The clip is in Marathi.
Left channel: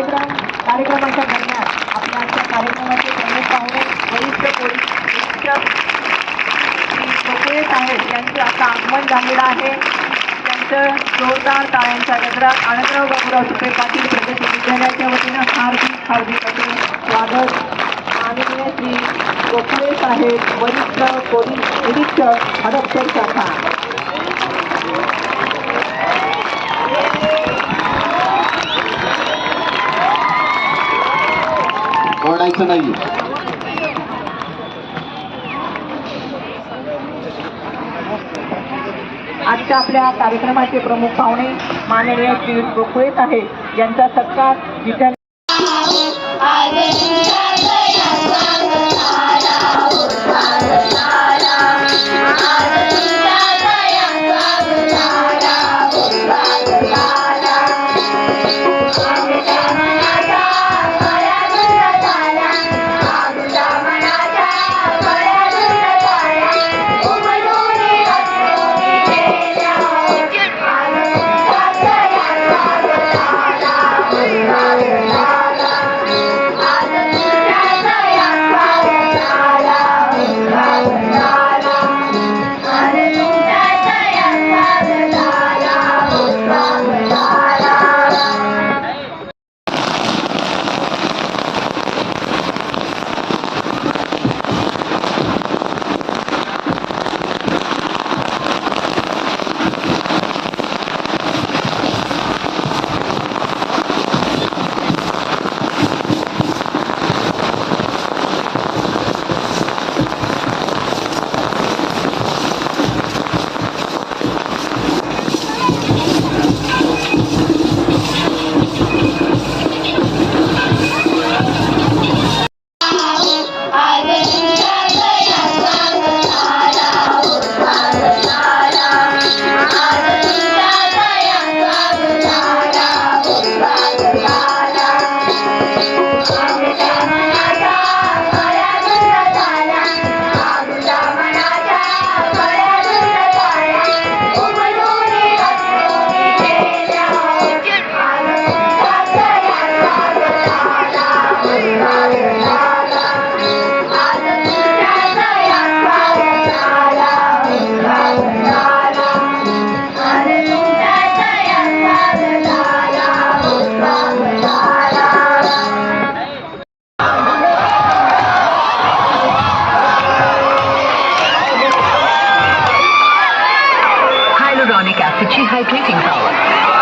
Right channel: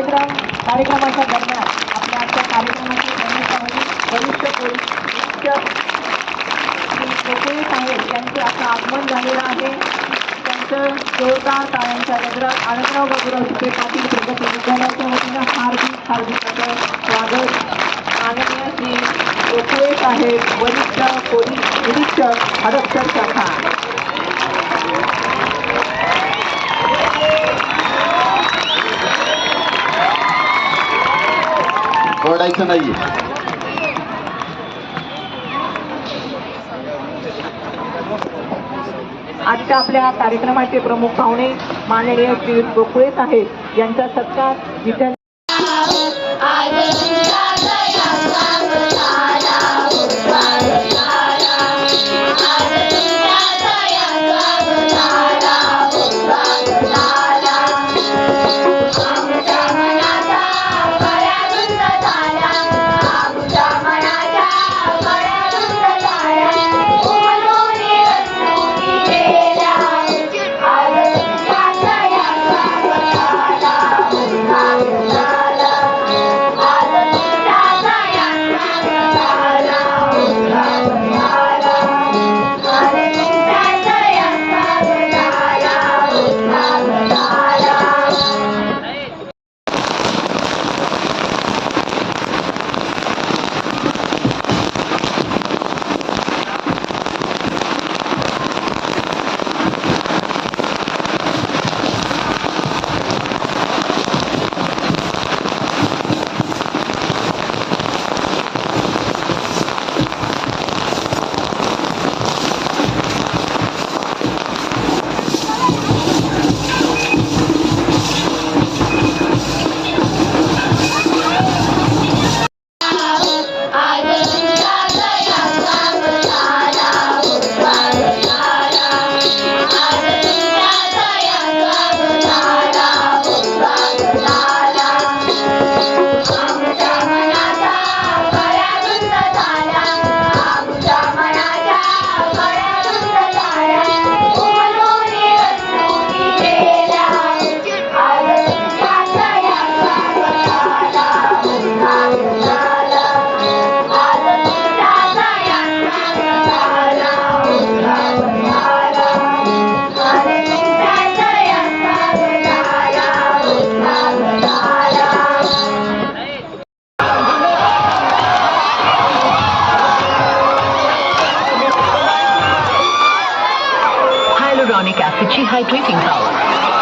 कार्यक्रम कार्यक्रमाच्या दरम्यान आपल्या आजच्या कार्यक्रमाचे प्रमुख पाहुणे वरिष्ठ पोलीस निरीक्षक श्री कोकळे यांचे आता आगमन झालेलं आहे. त्यांचं जोरदार टाळ्यांच्या गजरात आनंदराव बाबूराव सुपे पाटील प्रगती विद्यालयाच्या वतीनं हार्दिक हार्दिक असं स्वागत. माननीय श्री गोखले साहेब वरिष्ठ पोलीस निरीक्षक हडपसर शाखा. ओरडायचं नाहीये आजच्या आपल्या कार्यक्रमाचे प्रमुख पाहुणे माननीय श्री गोखळे साहेब यांचा सत्कार विद्यालय High drinking power.